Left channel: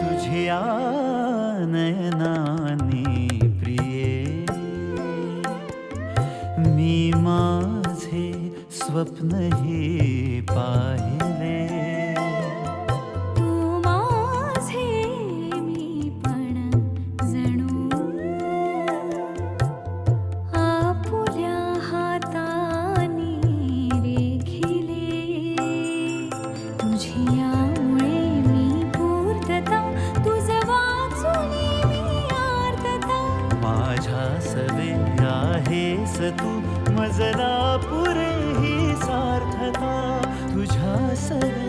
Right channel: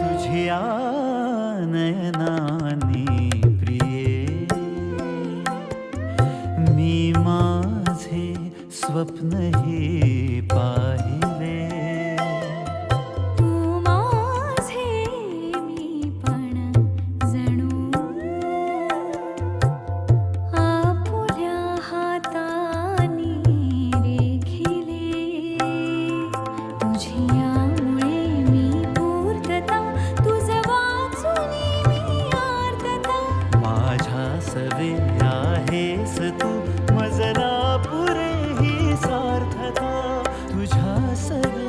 तुझ्या नयनानी प्रिये मी माझे स्वप्नही पाहिले. तू माझे मी पण जणू आपुल्या हातानी रेखिले. तुझियामुळे मी पूर्तता तुझ वाचुनी मी आर्तता. माझ्या सवे आहेस तू मजला पुरे ही सार्थता. तुझ्या सवे